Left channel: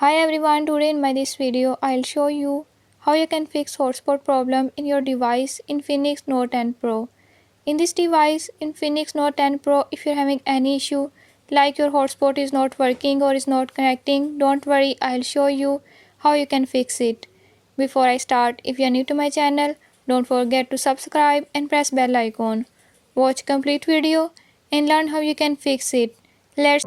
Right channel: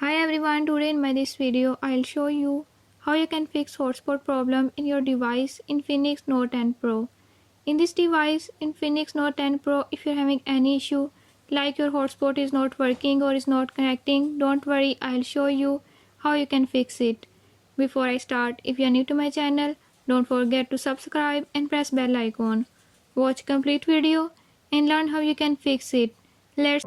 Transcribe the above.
Hi everyone, today in this video I'll show you how you can fix hotspot problem in your device Infinix Note 10 Pro. In this device Infinix Note 10 Pro, if you're having any issue like your hotspot is not working or is not connecting, don't worry, I'll show you how you can fix it. Before I start, if you're new to my channel, don't forget to subscribe and press bell icon. Watch complete video and learn how you can fix it. Let's